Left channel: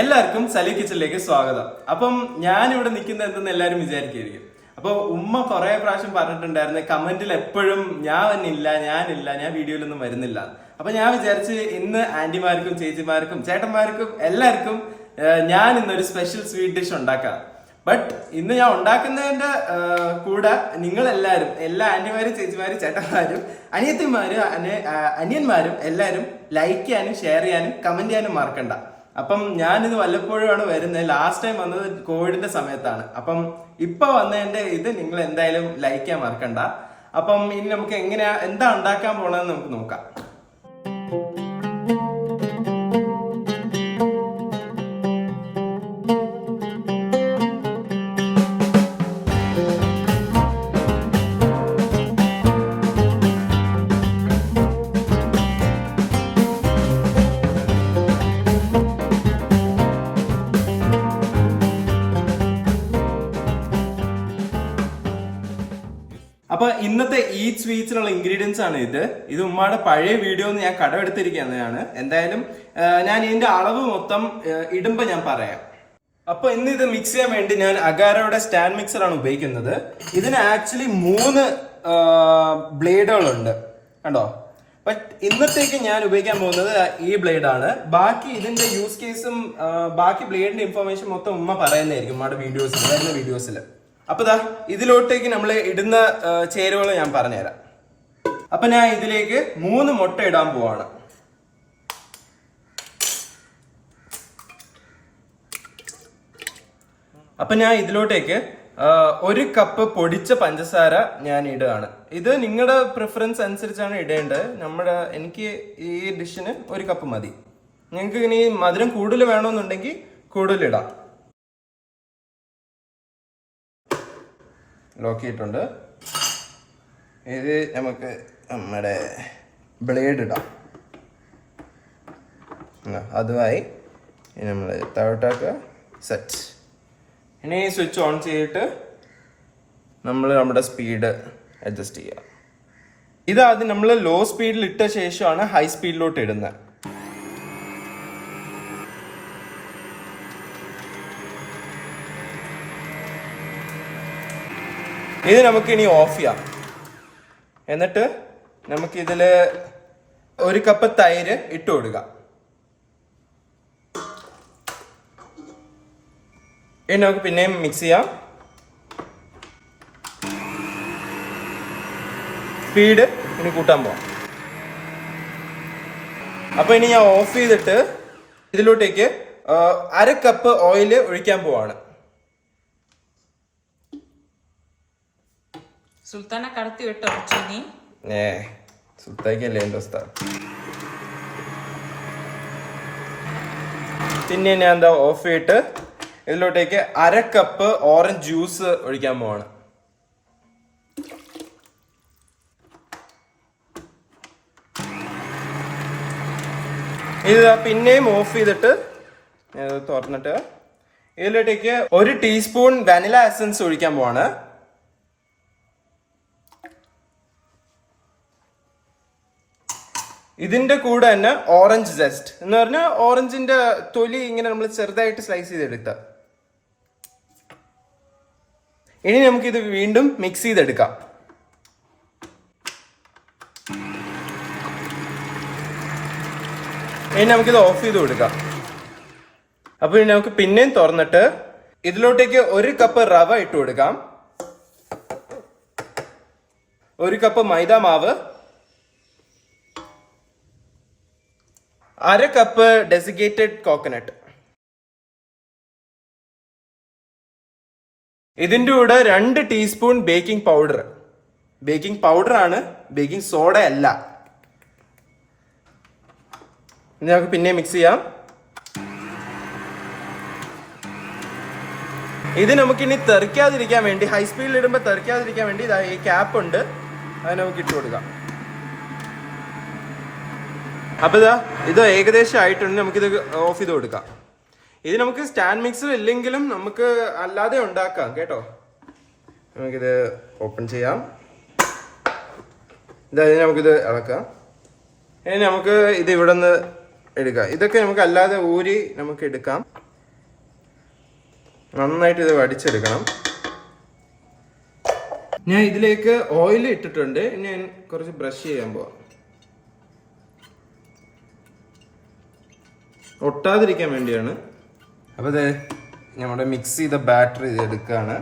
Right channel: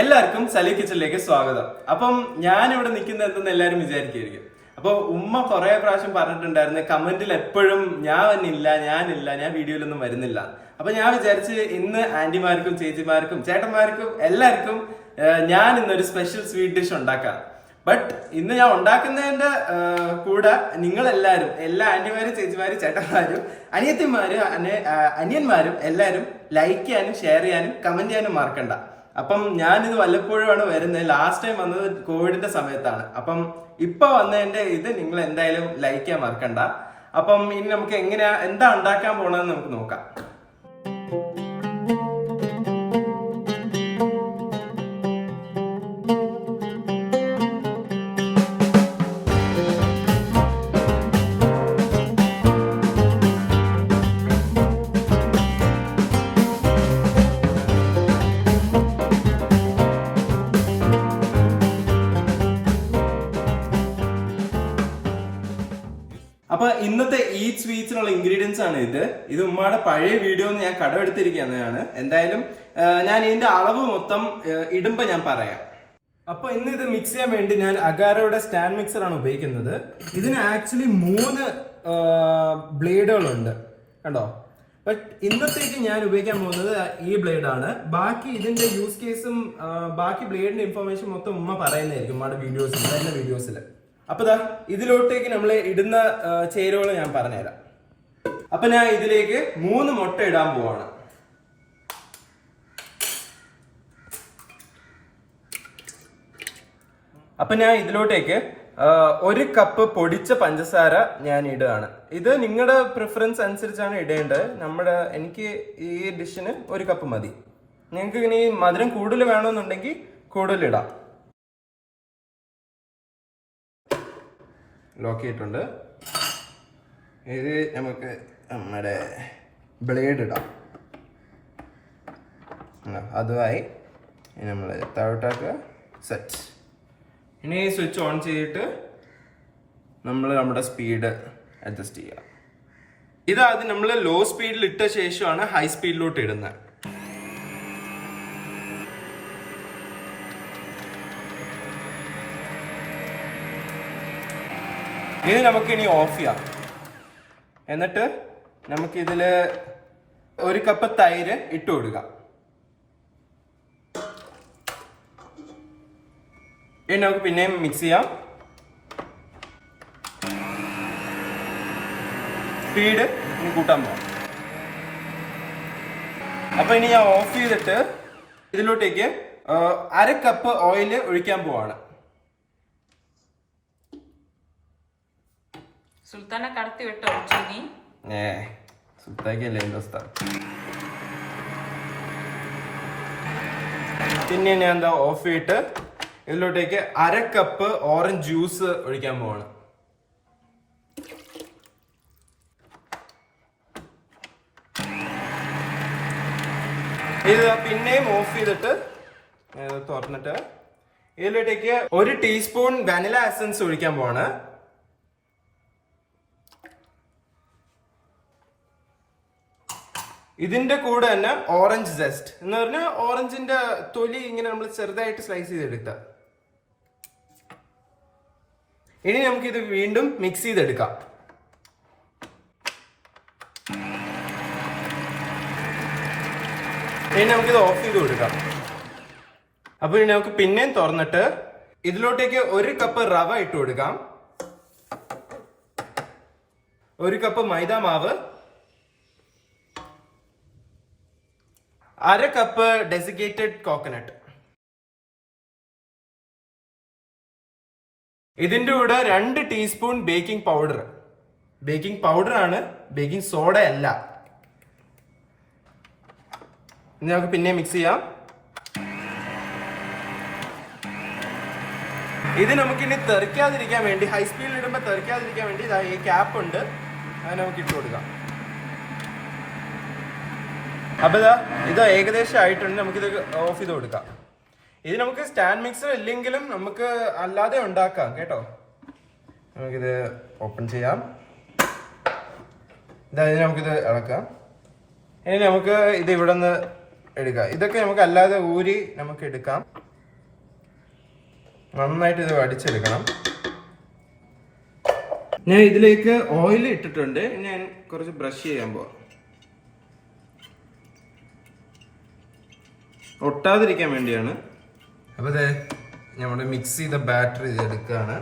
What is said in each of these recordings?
എല്ലാവർക്കും സലു കിച്ചണിലേക്ക് സ്വാഗതം. അപ്പം ഞാനിവിടെ നിൽക്കുന്നത് എന്തെന്ന് എല്ലാവരും വിചാരിക്കുകയായിരിക്കും. അപ്പോൾ ഉമ്മ കുറെ പ്രാവശ്യം പറഞ്ഞിട്ടുണ്ടായിരുന്നു കമന്റിൽ എപ്പോഴും ഞാൻ വീഡിയോയിലൊന്നും വരുന്നില്ല. അപ്പൊ ഞാൻ വിചാരിച്ച് ഇന്ന് ആന്റിമാർക്കും ചേച്ചിമാർക്കും ചേട്ടന്മാർക്കും എല്ലാവർക്കും ഞാൻ ഇന്നൊരു സ്പെഷ്യൽ സ്വീറ്റ് ഡിഷ് ഉണ്ടാക്കാം. ബട്ട് ഇന്ന് ഞാൻ ഉണ്ടാക്കുന്നതിന്റെ കൂടെ നിങ്ങളെല്ലാവരും, എല്ലാ ആന്റിമാരും ചേച്ചിമാരും ചേട്ടന്മാരും അനിയത്തിമാരും അനിയന്മാരും എല്ലാവരും ലൈക്ക് ചെയ്യാനും ഷെയർ ചെയ്യാനും കമന്റ് ചെയ്യാനും മറക്കണ്ട. അപ്പം ഞാനിത് വല്ലപ്പോഴുമാണ് വരുന്നത്. ലാസ്റ്റ് ടൈം വന്നത് കോവിഡിന്റെ സമയത്താണ്. അപ്പം ഇപ്പൊ വന്നതിന്റെ ഇത് നിങ്ങൾ എന്തായാലും ലൈക്ക് ചെയ്യാൻ മറക്കണ്ട. അപ്പം ഇനി നമുക്ക് എന്താ ഉണ്ടാക്കാൻ പോണെന്ന് നമുക്ക് നോക്കാം. അപ്പൊ ഇന്നത്തെ ഈ സ്വീറ്റ്സിനുള്ള ഇൻഗ്രീഡിയൻസ് ആണ് ഇത് ഉമ്മയുടെ പഴയ വീഡിയോ ഞാൻ കടമെടുത്തിരിക്കുന്നതാണ്. എന്തായാലും ഞാൻ ഇതിന്റെ അളവ് മൊത്തം ഇടുമ്പോ ഞാൻ പറയാം. അപ്പൊ ഇന്ന് ഇത് മിക്സ് ചെയ്യാൻ വേണ്ടി ഞാൻ അഗാരോയുടെ സ്റ്റാൻഡ് മിക്സർ ആണ് ഉപയോഗിക്കുന്നത്. ഇതിന് ആക്ച്വലി 3 ബ്ലേഡുകളുണ്ട് കണ്ടോ. ബട്ട് ഇന്നത്തേക്ക് ഞാൻ ഉപയോഗിക്കാൻ പോകുന്നത് ഈ ബ്ലേഡ് ആണ്. ബാക്കി ഇതിന്റെ യൂസ് കേസും ബാക്കി ബ്ലേഡിന്റെ ഇൻഫർമേഷൻ മൊത്തം ഉമ്മ പറയുന്നതായിരിക്കും ഉമ്മയുടെ വീഡിയോസിൽ. അപ്പൊ ഇതിലോട്ടേക്ക് നമ്മൾ ഇടുന്ന ചേരുവകൾ ഞാൻ പറഞ്ഞുതരാം. അപ്പൊ ഞാൻ ഇതിലേക്ക് 3 മുട്ട ഇടാൻ പോവാണ്. അപ്പൊ ഞാൻ ഇതിലോട്ടേക്ക് 1 കപ്പ് പൊടിച്ച പഞ്ചസാര ഞാൻ ഇടുകയാണ്. ഇത് നിങ്ങളുടെ പ്രിഫറൻസ് അനുസരിച്ചാണ് ഇടേണ്ടത്. എനിക്ക് ഈ ഡിഷിന് 1 കപ്പ് മതി. നിങ്ങൾക്ക് ഇനി മധുരം കൂടുതൽ വേണമെന്നുണ്ടെങ്കിൽ കൂടുതൽ ഇടാം. ലോക്ക് ചെയ്തിട്ടുണ്ട്. ഇത് നമുക്ക് നമ്മുടെ ബ്ലേഡ് ഇടാം. അതുമായി നമ്മൾ താഴോട്ടൊക്കെ സെറ്റ്. ഇനി സ്വിച്ച് ഓൺ ചെയ്തിട്ട് നമ്മുടെ സ്പീഡ് അഡ്ജസ്റ്റ് ചെയ്യാം. ഇതാദ്യം നമ്മൾ ലോ സ്പീഡിൽ ഇട്ട ശേഷമാണ് ഹൈ സ്പീഡിലോട്ട് ഇടുന്നത്. ഇത് നമുക്ക് ഇനി ഓഫ് ചെയ്യാം. എന്നിട്ട് നമുക്ക് ഇതില് 1 കപ്പ് തൈര് ഇട്ട് കൊടുക്കാം. ഇനി നമുക്ക് പിന്നെയും മിക്സ് ചെയ്യാം. സ്പീഡ് ഇനി കൂട്ടാൻ പോവാം. അപ്പൊ ഇനി ഞാൻ ഓഫ് ചെയ്തിട്ട് ഇതിലോട്ടേക്ക് 1/2 കപ്പ് ഓയിൽ ഒഴിക്കാൻ പോവാണ്. സുൽത്താനെ കടത്തി വിട്ടോ ചീനി? സുൽത്താക്കല്ലേ എന്റെ സ്ഥലം. പിന്നെ ഞാൻ ഓഫ് ചെയ്തിട്ട് ഇതിലോട്ടേക്ക് 1/2 കപ്പ് ഓറഞ്ച് ജ്യൂസ് ഒഴിക്കാൻ പോവാണ്. ഇത് പിന്നെയും ഓഫ് ചെയ്തിട്ട് തുറന്നിട്ട് ഇതിലോട്ടേക്ക് 1 ടീസ്പൂൺ വാനില എസൻസ് ഒഴിക്കാൻ പോവാണ്. ഇതിന്റെ കൂടെ തന്നെ ഓറഞ്ച് ജസ്റ്റ് എന്ന് പറഞ്ഞാൽ ഓറഞ്ചിന്റെ തൊലി ഇങ്ങനെ നമ്മൾ ചെറുതായിട്ട് സ്ലൈസ് ചെയ്തെടുത്ത. ഇനി നമുക്കിത് വീണ്ടും മിക്സ് ചെയ്തെടുക്കാം. ഇനി നമുക്കിത് ഓഫ് ചെയ്ത് കൊടുക്കാം. അപ്പൊ ഇനി നമുക്ക് പിന്നെയും തുറന്നിട്ട് ഇതിലോട്ടേക്ക് 1 കപ്പ് റവ ഇട്ട് കൊടുക്കാം. 1 കപ്പ് മൈദ മാവ്, 1/2 കപ്പ് ഡെസിക്കേറ്റഡ് കോക്കനട്ട്. ഇതിന്റെ കൂടെ 2 teaspoon baking powder. Baking powder ആണ്, ബേക്കിംഗ് സോഡ അല്ല. ഇനി നമുക്ക് പിന്നെ മിക്സ് ചെയ്യാം. ഇത് നമുക്കിനി തെറിക്കാതിരിക്കാൻ വേണ്ടി, ഹൈ സ്പീഡിൽ ഇടുമ്പോൾ തെറിക്കാതിരിക്കാൻ വേണ്ടി ഈ ക്യാപ്പ് ഉണ്ട്, അത് നമുക്ക് ഇട്ട് കൊടുക്കാം. അപ്പൊ ഇത് ഏകദേശം ആയിട്ടുണ്ട്. നമുക്കിത് ഓഫ് ചെയ്ത് കൊടുക്കാം. ഇത് നമുക്ക് സ്റ്റാൻഡ് മിക്സർ ഇല്ലെങ്കിലും നമുക്ക് അല്ലാതെ ഉണ്ടാക്കാം കേട്ടോ. നമുക്കിത് ഓപ്പൺ ചെയ്യാം. ഇതായത് നമുക്കിത് ഇളക്കാം. ഇനി നമുക്ക് ഇത് ഇവിടെ നിന്ന് എടുക്കാം. ഇതൊക്കെ നമുക്ക് അല്ലാതെ ഊരി നമുക്ക് എടുക്കാം. നന്നായിട്ട് ഇത് വടിച്ചെടുക്കണം. ഞാൻ ഇതിലേക്ക് ഓയിൽ ഇട്ടിട്ടുണ്ട്. ഇനി ഞാൻ കുറച്ച് ബ്രഷ് ചെയ്യാൻ പോവാം, ഒട്ടാതിരിക്കാൻ വേണ്ടിയാണ്. അപ്പൊ ഇത് നമ്മുടെ മിക്സ് ചെയ്ത ബാറ്റർ ഇത് എടുക്കാണ്.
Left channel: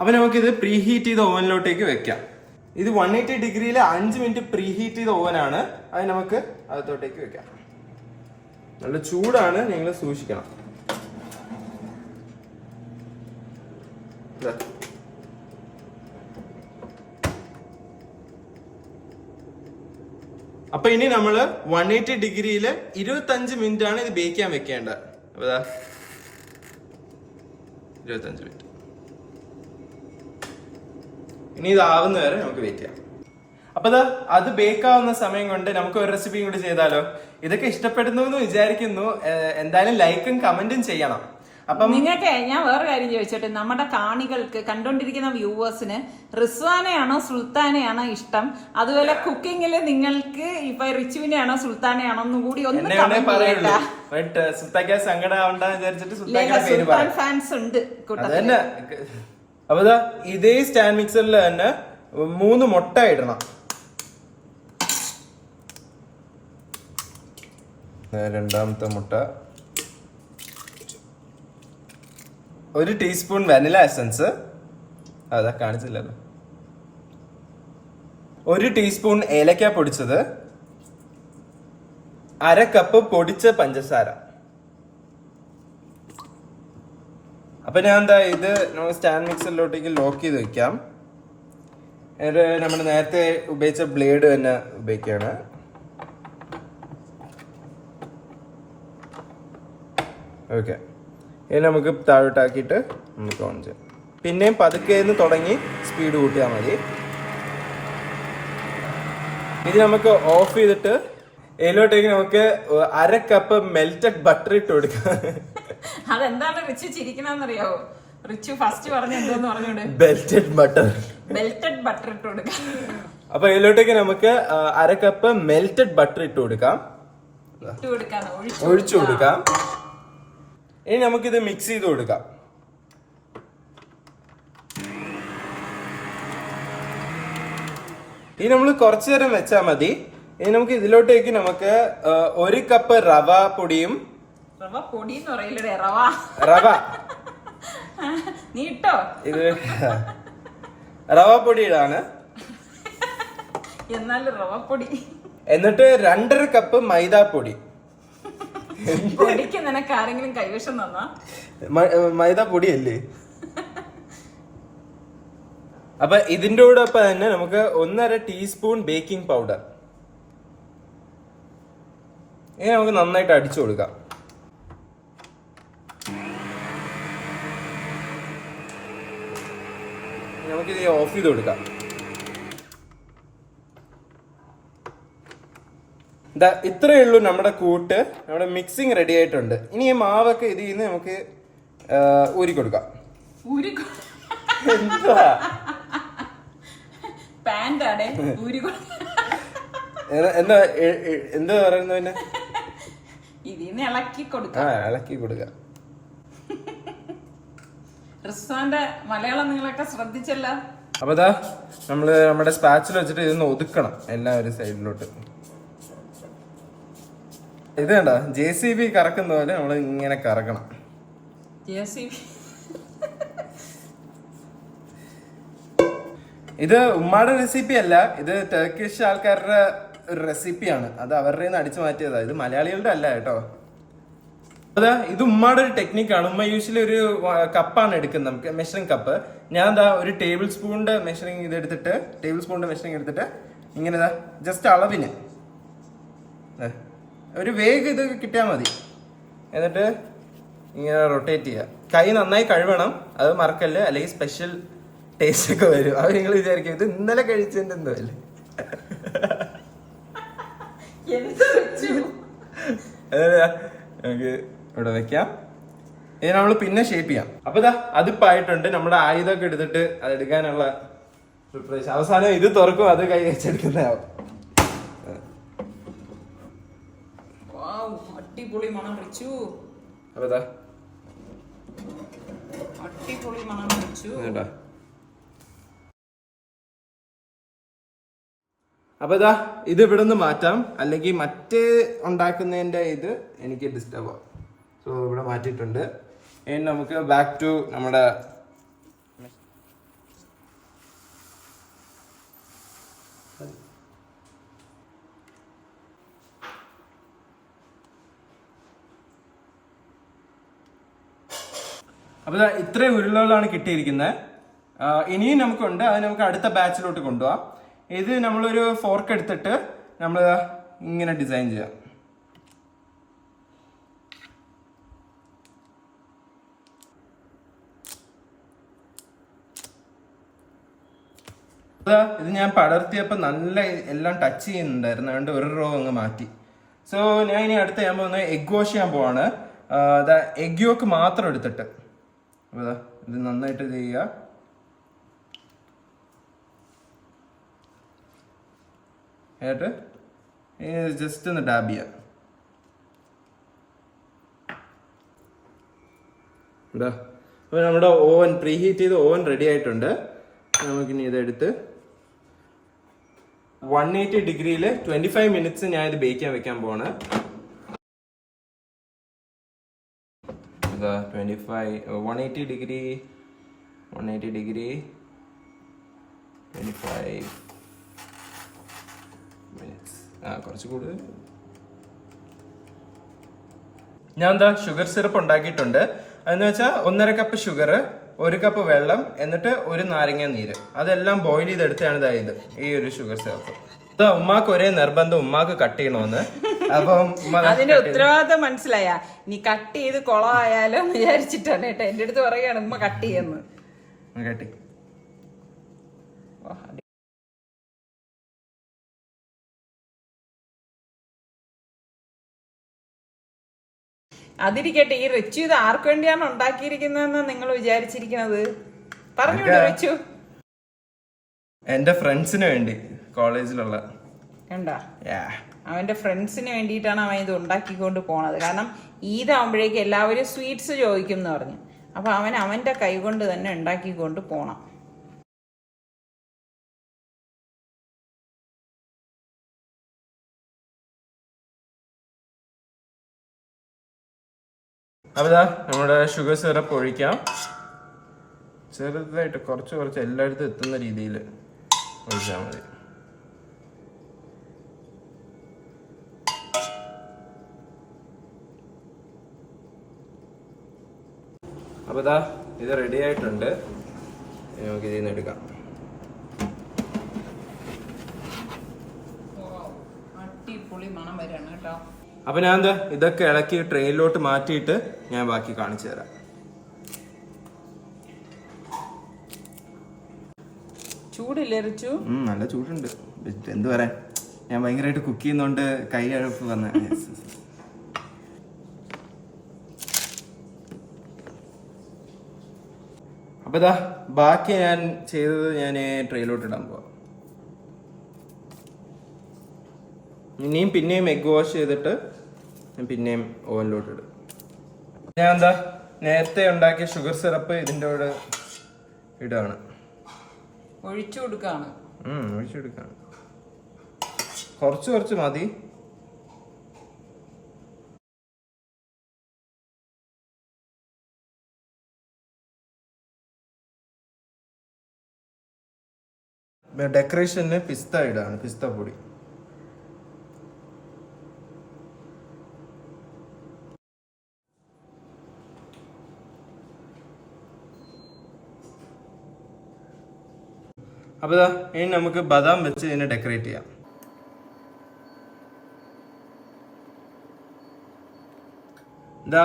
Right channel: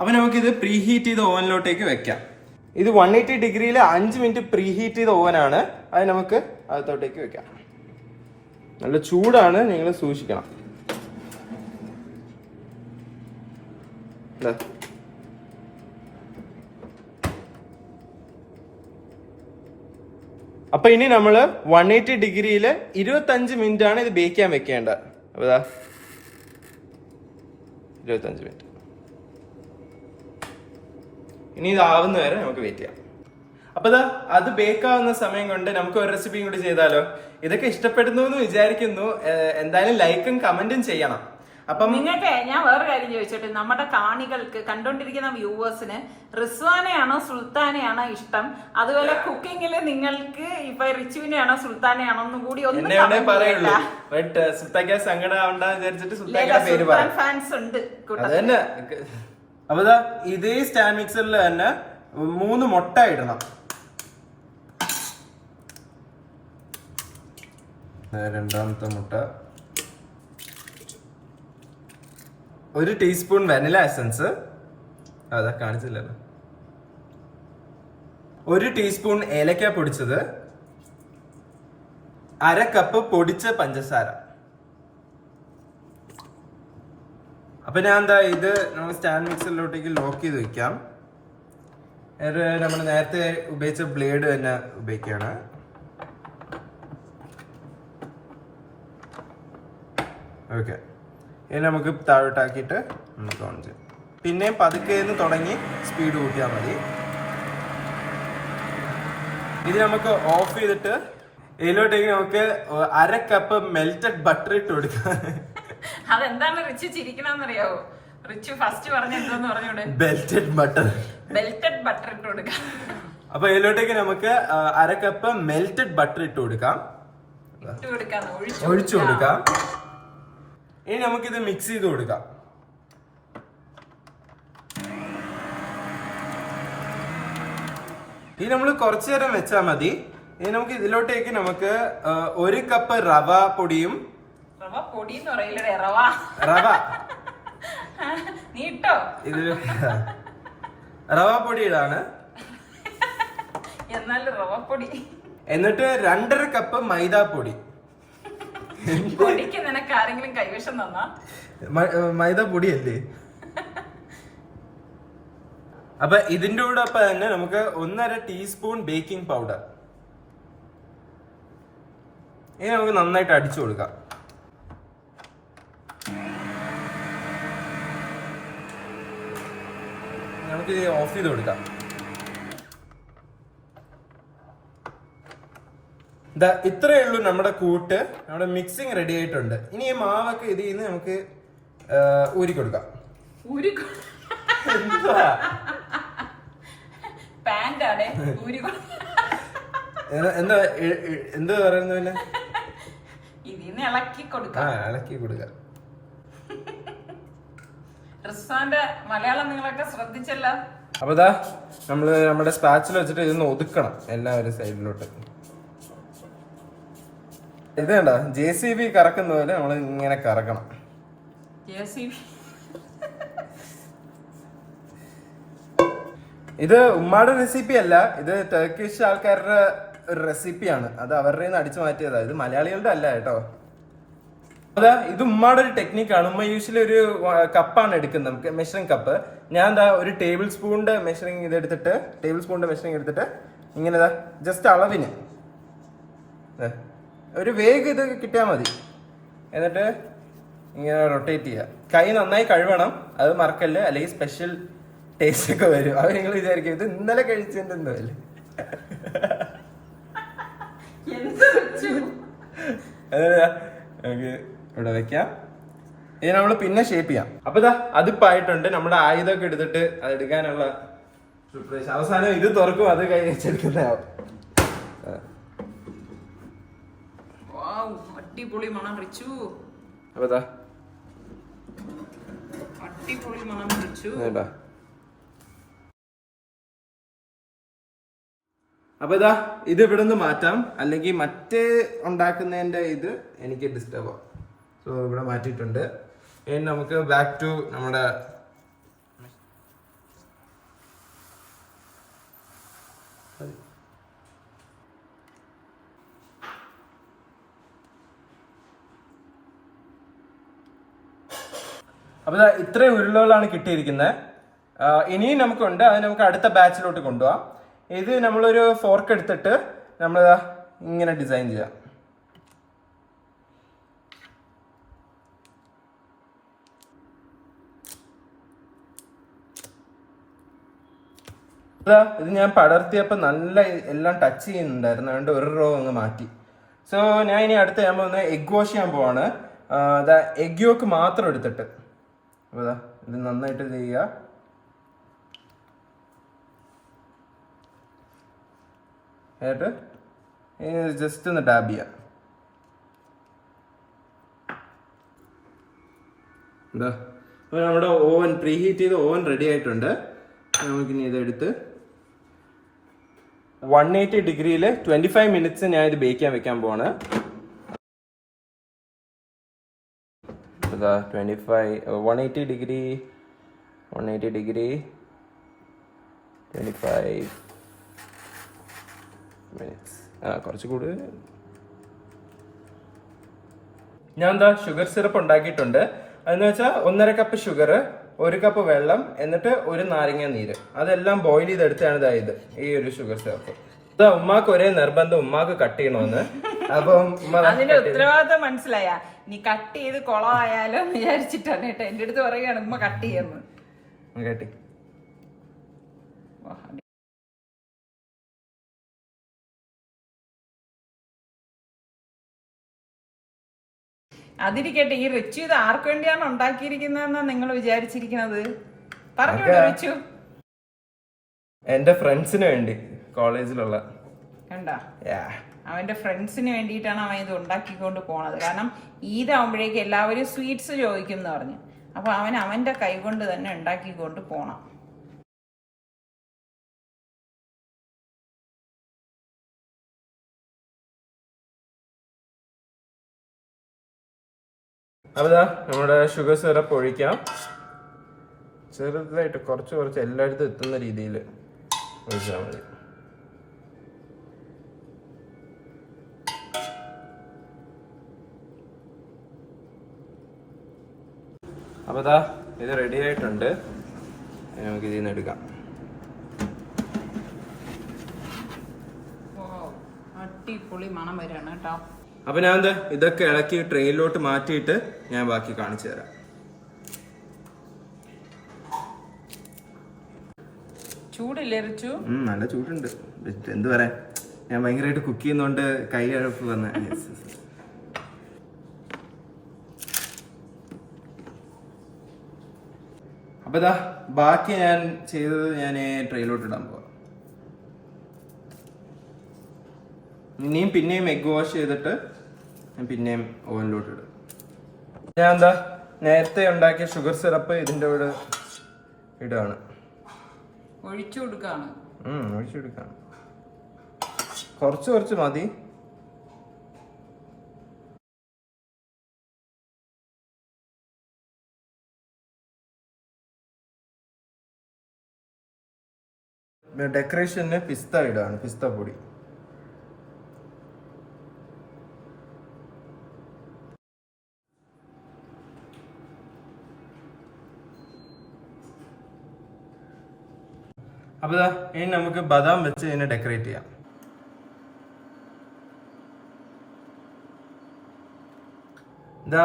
അപ്പൊ നമുക്കിത് പ്രീ ഹീറ്റ് ചെയ്ത ഓവനിലോട്ടേക്ക് വെക്കാം. ഇത് 180 ഡിഗ്രിയിൽ 5 മിനിറ്റ് പ്രീ ഹീറ്റ് ചെയ്ത ഓവനാണ്. അത് നമുക്ക് അകത്തോട്ടേക്ക് വെക്കാം. നല്ല ചൂടാണ്, നിങ്ങൾ സൂക്ഷിക്കണം. അപ്പൊ ഇനി നമ്മള് 180 ഡിഗ്രിയിൽ 25 മിനിറ്റ് ആണ് ഇത് ബേക്ക് ചെയ്യാൻ വെക്കേണ്ടത്. അപ്പൊ 25 മിനിറ്റ്. ഇനി ഇതാവുന്ന വരെ നമുക്ക് വെയിറ്റ് ചെയ്യാം. അപ്പൊ അത് ബേക്ക് ആവുന്ന സമയം കൊണ്ട് നമുക്ക് ഒരു റെസിപ്പിയും കൂടി ചെയ്താലോ? ഇതൊക്കെ ഇഷ്ടപ്പെടുന്നു എന്ന് വിചാരിക്കുന്നു. എന്തായാലും ലൈക്കും കമന്റും ചെയ്യണം. അപ്പം നിങ്ങൾക്ക് ഞാൻ വേറെ കാര്യം ചോദിച്ചോട്ടെ, നമ്മുടെ കാണികൾക്ക്, കണ്ടോണ്ടിരിക്കുന്ന വ്യൂവേഴ്സിന് റിസ്വാനെയാണോ സുൽത്താനെയാണോ ഇഷ്ടം? അതുപോലെ കുക്കിങ്ങിൽ നിങ്ങൾക്ക് ഇപ്പൊ റിച്ചുവിനെയാണോ സുൽത്താനെയാണോ എന്നും കൂടി എന്നെ പറയുള്ളൂ. ബട്ട് സുൽത്താക്ക സങ്കടം ആവണ്ടെന്ന് വിചാരിച്ചിട്ട് സുൽത്താക്കയുടെ പേര് പറയാം. ഫാൻസ് ഉണ്ട്. അത് തന്നെ. അപ്പൊ ഇതേ സ്റ്റാൻഡ് മിക്സറിൽ തന്നെ 3 മുട്ട ഇടണം. രണ്ടാമത്തെ മുട്ട, 1 ടീസ്പൂൺ വാനില എസൻസ്, അതാ കാണിച്ചില്ലല്ലോ, 1 ടീസ്പൂൺ ഏലക്ക പൊടിച്ചത്, 1/2 കപ്പ് പൊടിച്ച പഞ്ചസാര. അപ്പൊ ഞാൻ ഇത് നമ്മൾ സ്റ്റാൻഡ് മിക്സറിലോട്ടേക്ക് ലോക്ക് ചെയ്ത് വെക്കാം. നമ്മൾ നേരത്തെ ഉപയോഗിച്ച ബ്ലേഡ് തന്നെ ഉപയോഗിക്കുകയാണ്. ഓക്കെ, ഇനി നമുക്ക് താഴോട്ടാക്കിയിട്ട് നമുക്ക് ഓൺ ചെയ്യാം. പിന്നെയും പതുക്കെ തുടങ്ങി സ്പീഡ് കൂട്ടിയാൽ മതി. ഇത് നമുക്ക് ഓഫ് ചെയ്തിട്ട് ഇതിലോട്ടേക്ക് നമുക്ക് 1/2 കപ്പ് മെൽറ്റഡ് ബട്ടർ ഇട്ട് കൊടുക്കാം. അതെന്താണ് റിച്ചു ചിരിക്കണമെന്നറിയാവോ? റിച്ചു ഫസ്റ്റ് പറഞ്ഞ എന്തോന്ന് പറഞ്ഞോട്? മെൽറ്റഡ് ബട്ടർ ഇട്ട് കൊടുക്കാം. അപ്പൊ ഇതിലോട്ടേക്ക് നമുക്ക് 1/2 കപ്പ് മെൽറ്റഡ് ബട്ടർ ഇട്ട് കൊടുക്കാം. ഒഴിച്ചു കൊടുക്കാം. ഇനി നമുക്കിത് മിക്സ് ചെയ്ത് കൊടുക്കാം. ഇനി നമ്മൾ കുറച്ചു നേരം വെച്ചാൽ മതി. ഇനി നമുക്ക് ഇതിലോട്ടേക്ക് നമുക്ക് 1 കപ്പ് റവ പൊടിയും, റവ നീ ഇട്ടോ, ഇത് റവ പൊടി ഇടാണ്. എന്നാലും റവ പൊടി. എന്നിട്ട് 2.5 കപ്പ് മൈദാപ്പൊടി. പൊടിക്ക് നിനക്ക് ആരെങ്കിലും കൈവശം തന്നാ? മൈദ പൊടിയല്ലേ? അപ്പൊ ഇതിന്റെ കൂടെ തന്നെ നമുക്ക് 1.5 ടീസ്പൂൺ ബേക്കിംഗ് പൗഡർ. ഇനി നമുക്ക് നന്നായിട്ട് അടിച്ചു കൊടുക്കാം. നമുക്കിത് ഓഫ് ചെയ്ത് കൊടുക്കാം. ഇത്രയേ ഉള്ളൂ നമ്മുടെ കൂട്ട്. നമ്മുടെ മിക്സിങ് റെഡി ആയിട്ടുണ്ട്. ഇനി ഈ മാവൊക്കെ ഇതിൽ നിന്ന് നമുക്ക് ഊരി കൊടുക്കാം. എന്താ എന്താ പറയുന്നതിന്? ഇതിന്ന് ഇളക്കി കൊടുക്കാം. ഇളക്കി കൊടുക്കാം. റിസ്വാന്റെ മലയാളം നിങ്ങളൊക്കെ ശ്രദ്ധിച്ചല്ല. അപ്പൊ നമ്മള് നമ്മുടെ സ്പാച്ചിൽ വെച്ചിട്ട് ഇതൊന്ന് ഒതുക്കണം എല്ലാം ഒരു സൈഡിലോട്ട്. ഇത് കണ്ടോ, JCB കറക്കുന്ന പോലെ നമ്മൾ ഇങ്ങനെ കറക്കണം. ഇത് ഉമ്മാടെ റെസിപ്പി അല്ല, ഇത് ടർക്കിഷ് ആൾക്കാരുടെ ഒരു റെസിപ്പിയാണ്. അത് അവരുടെ നിന്ന് അടിച്ചു മാറ്റിയതാ. ഇത് മലയാളികളുടെ അല്ല കേട്ടോ. ഇത് ഉമ്മാടെ ഒരു ടെക്നിക്കാണ്. ഉമ്മ യൂഷ്വലി ഒരു കപ്പാണ് എടുക്കുന്നത്, നമുക്ക് മെഷറിംഗ് കപ്പ്. ഞാൻ ഒരു ടേബിൾ സ്പൂണിന്റെ മെഷറിംഗ് എടുത്തിട്ട് ഇങ്ങനെ ജസ്റ്റ് അളവിന് ഒരു വേഗം ഇത് കിട്ടിയാൽ മതി. എന്നിട്ട് ഇങ്ങനെ റൊട്ടേറ്റ് ചെയ്യുക. കൈ നന്നായി കഴുകണം, അത് മറക്കല്ലേ, അല്ലെങ്കിൽ സ്പെഷ്യൽ ടേസ്റ്റ് ഒക്കെ വരും. അത് നിങ്ങൾ വിചാരിക്കും ഇത് ഇന്നലെ കഴിച്ചതിന്റെ എന്തോ അല്ലേ. നമുക്ക് ഇവിടെ വെക്കാം. ഇത് നമ്മൾ പിന്നെ ഷേപ്പ് ചെയ്യാം. അപ്പൊ അതിപ്പായിട്ടുണ്ട്. നമ്മുടെ ആയുധമൊക്കെ എടുത്തിട്ട് അത് എടുക്കാനുള്ള സർപ്രൈസ്. അവസാനം ഇത് തുറക്കും, അത് കൈ വെച്ചെടുക്കുന്നതാവും. അടിപൊളി മണം വിളിച്ചു. അപ്പൊ അടിപൊളി മണം വിളിച്ചു. അപ്പൊ ഇത് ഇവിടെ നിന്ന് മാറ്റാം, അല്ലെങ്കിൽ മറ്റേ ഉണ്ടാക്കുന്നതിന്റെ ഇത് എനിക്ക് ഡിസ്റ്റർബ് ആവും. സോ ഇവിടെ മാറ്റിയിട്ടുണ്ട്. ഇനി നമുക്ക് ബാക്ക് ടു നമ്മുടെ അപ്പൊ ഇത്രയും ഉരുളകളാണ് കിട്ടിയിരിക്കുന്നത്. ഇനിയും നമുക്കുണ്ട്, അത് നമുക്ക് അടുത്ത ബാച്ചിലോട്ട് കൊണ്ടുപോവാം. ഇത് നമ്മളൊരു ഫോർക്ക് എടുത്തിട്ട് നമ്മൾ ഇങ്ങനെ ഡിസൈൻ ചെയ്യാം. ഇത് ഞാൻ പടർത്തിയപ്പോൾ നല്ല എല്ലാം ടച്ച് ചെയ്യുന്നുണ്ടായിരുന്നു, അതുകൊണ്ട് ഒരു റോ അങ്ങ് മാറ്റി. സോ ഞാൻ ഇനി അടുത്ത് ഞാൻ പോകുന്നത് എഗ് വാഷ് ചെയ്യാൻ പോവാണ്. എഗ് യോക്ക് മാത്രം എടുത്തിട്ട് അപ്പോൾ ഇത് നന്നായിട്ട് ഇത് ചെയ്യുക. എന്നിട്ട് ജസ്റ്റ് ഒന്ന് ഡാബ് ചെയ്യാം. അപ്പോൾ നമ്മുടെ ഓവൻ പ്രീഹീറ്റ് ചെയ്ത് ഓവൻ റെഡി ആയിട്ടുണ്ട്. നമുക്കിനി ഇതെടുത്ത് 180 ഡിഗ്രിയിൽ 25 മിനിറ്റ്സ് ഞാൻ ഇത് ബേക്ക് ചെയ്യാൻ വെക്കാൻ പോവാണ്. 180 ഡിഗ്രി 25 മിനിറ്റ്സ്. കുറച്ച് കൂടുതൽ. ഞാൻ ഷുഗർ സിറപ്പ് ഉണ്ടാക്കിയിട്ടുണ്ട്. അതെന്ന് വെച്ചാൽ 1.5 കപ്പ് ഷുഗർ, 1 കപ്പ് വെള്ളം, എന്നിട്ട് 1 നാരങ്ങ നീര്, അതെല്ലാം ബോയിൽ ചെയ്തെടുത്താണ് ഇത് ഈ ഒരു ഷുഗർ സിറപ്പ്. ഉമ്മാക്ക് ഒരേ നിർബന്ധം, ഉമ്മാക്ക് കട്ട് ചെയ്യണമെന്ന്. അപ്പം ഉത്തരവാദിത്തം മനസ്സിലായ നീ കട്ട് ചെയ്ത് കൊളമായാലോ വിചാരിച്ചിട്ടാണ് കേട്ടോ എന്റെ അടുത്ത് പറയുകയാണ് ഉമ്മ കട്ട് ചെയ്യുന്നു. കട്ടി അതിരിക്കട്ടെ, ഈ റിച്ചു ഇത് ആർക്ക് വേണ്ടിയാണ് ഉണ്ടാക്കിയിരിക്കുന്നതെന്ന് നിങ്ങൾ വിചാരിച്ചിരിക്കുന്നത്? പറഞ്ഞു റിച്ചു. എന്റെ ഫ്രണ്ട്സിന് വേണ്ടി, കോളേജിലുള്ള. കണ്ട, അവന്റെ ഫ്രണ്ട്സിന് വേണ്ടിയിട്ടാണ് അവൻ ഇത് ഉണ്ടാക്കിക്കൊണ്ട് പോണത്. കാരണം ഈദാകുമ്പോഴേക്ക് എല്ലാവരും സ്വീറ്റ്സ് ചോദിക്കും എന്ന് പറഞ്ഞു. അപ്പൊ അവൻ അവന്റെ കൈ കൊണ്ട് തന്നെ ഉണ്ടാക്കിക്കൊണ്ട് പോണം. അപ്പൊ നമ്മുടെ ഷുഗർ സിറപ്പ് ഒഴിക്കാം. ചെറുതായിട്ട് കുറച്ച് എല്ലായിടത്തും എത്തുന്ന രീതിയിൽ ഒഴിച്ചാൽ മതി. അപ്പൊ ഇത് റെഡി ആയിട്ടുണ്ട്. നമുക്ക് ഇതിൽ നിന്ന് എടുക്കാം. അടിപൊളി മണം വരാണ് കേട്ടോ. അപ്പൊ ഞാൻ ഇതൊക്കെ ഇളക്കി ട്രെയിനിലോട്ട് മാറ്റിയിട്ട് ഞാൻ ബാക്കി കാണിച്ചു തരാം. ചൂടില്ലേ റിച്ചു? നല്ല ചൂടുണ്ട്. എന്ത് പറയാൻ, ഞാൻ ഭയങ്കരമായിട്ട് കുക്ക് ചെയ്യുന്നോണ്ട് കൈ അഴപ്പ് വന്ന. അപ്പൊ ബാക്കി ഞാൻ ചെയ്തത് ഞാൻ ട്രെയിലോട്ട് ഇടാൻ പോവാം. ഇനിയും പിന്നെയും എഗ് വാഷ് ചെയ്തിട്ട് പിന്നെയും ഓവനിലോട്ട് ഇടും. ഞാൻ നേരത്തെ ഉണ്ടാക്കിയ ഷുഗർ സിറപ്പ് ഇതിൻ്റെ കൂടെ ഇടാണ്. ഒഴിച്ചു കൊടുക്കാണ്. കുറച്ച് മതി. ഡെക്കറേഷന് പിസ്ത ഇടാണ്, പിസ്ത പൊടി. അപ്പൊ ഇനി നമുക്ക് ബദാം വെച്ച് ഇതിനെ ഡെക്കറേറ്റ് ചെയ്യാം.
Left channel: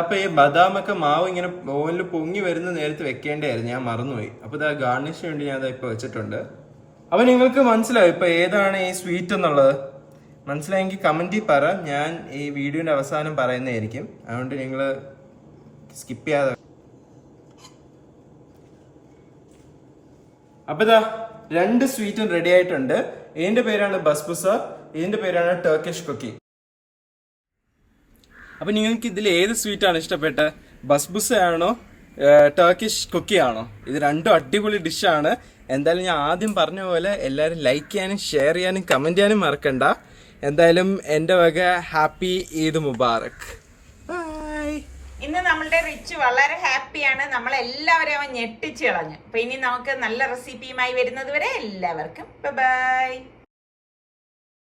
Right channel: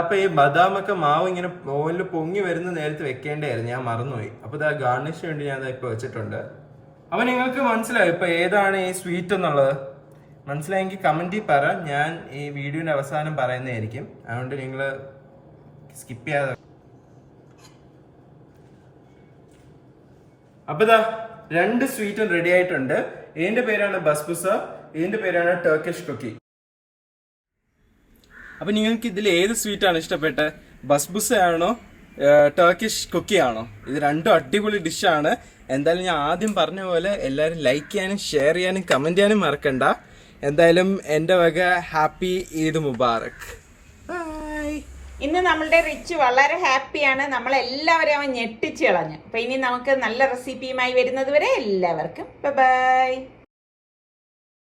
അപ്പൊ ഈ ബദാമൊക്കെ മാവ് ഇങ്ങനെ ഓവനിൽ പൊങ്ങി വരുന്ന നേരത്ത് വെക്കേണ്ടായിരുന്നു, ഞാൻ മറന്നുപോയി. അപ്പൊ ഗാർണിഷിന് വേണ്ടി ഞാൻ ഇപ്പൊ വെച്ചിട്ടുണ്ട്. അപ്പൊ നിങ്ങൾക്ക് മനസ്സിലാവും ഇപ്പൊ ഏതാണ് ഈ സ്വീറ്റ് എന്നുള്ളത്. മനസ്സിലായെങ്കിൽ കമന്റിൽ പറ, ഞാൻ ഈ വീഡിയോന്റെ അവസാനം പറയുന്നതായിരിക്കും. അതുകൊണ്ട് നിങ്ങൾ സ്കിപ്പ് ചെയ്യാതെ. അപ്പൊ 2 സ്വീറ്റും റെഡി ആയിട്ടുണ്ട്. ഇതിന്റെ പേരാണ് ബസ്ബുസ, ഇതിന്റെ പേരാണ് ടർക്കിഷ് കുക്കി. അപ്പൊ നിങ്ങൾക്ക് ഇതിൽ ഏത് സ്വീറ്റ് ആണ് ഇഷ്ടപ്പെട്ടത്? ബസ്ബുസ ആണോ ടർക്കിഷ് കുക്കി ആണോ? ഇത് രണ്ടും അടിപൊളി ഡിഷാണ്. എന്തായാലും ഞാൻ ആദ്യം പറഞ്ഞ പോലെ എല്ലാവരും ലൈക്ക് ചെയ്യാനും ഷെയർ ചെയ്യാനും കമന്റ് ചെയ്യാനും മറക്കണ്ട. എന്തായാലും എൻ്റെ വക ഹാപ്പി ഈദ് മുബാറക്. ബൈ. ഇന്ന് നമ്മളുടെ റിച്ച് വളരെ ഹാപ്പിയാണ്. നമ്മളെല്ലാവരും അവൻ ഞെട്ടിച്ച് കളഞ്ഞു. അപ്പൊ ഇനി നമുക്ക് നല്ല റെസിപ്പിയുമായി വരുന്നത് വരെ എല്ലാവർക്കും ബൈ.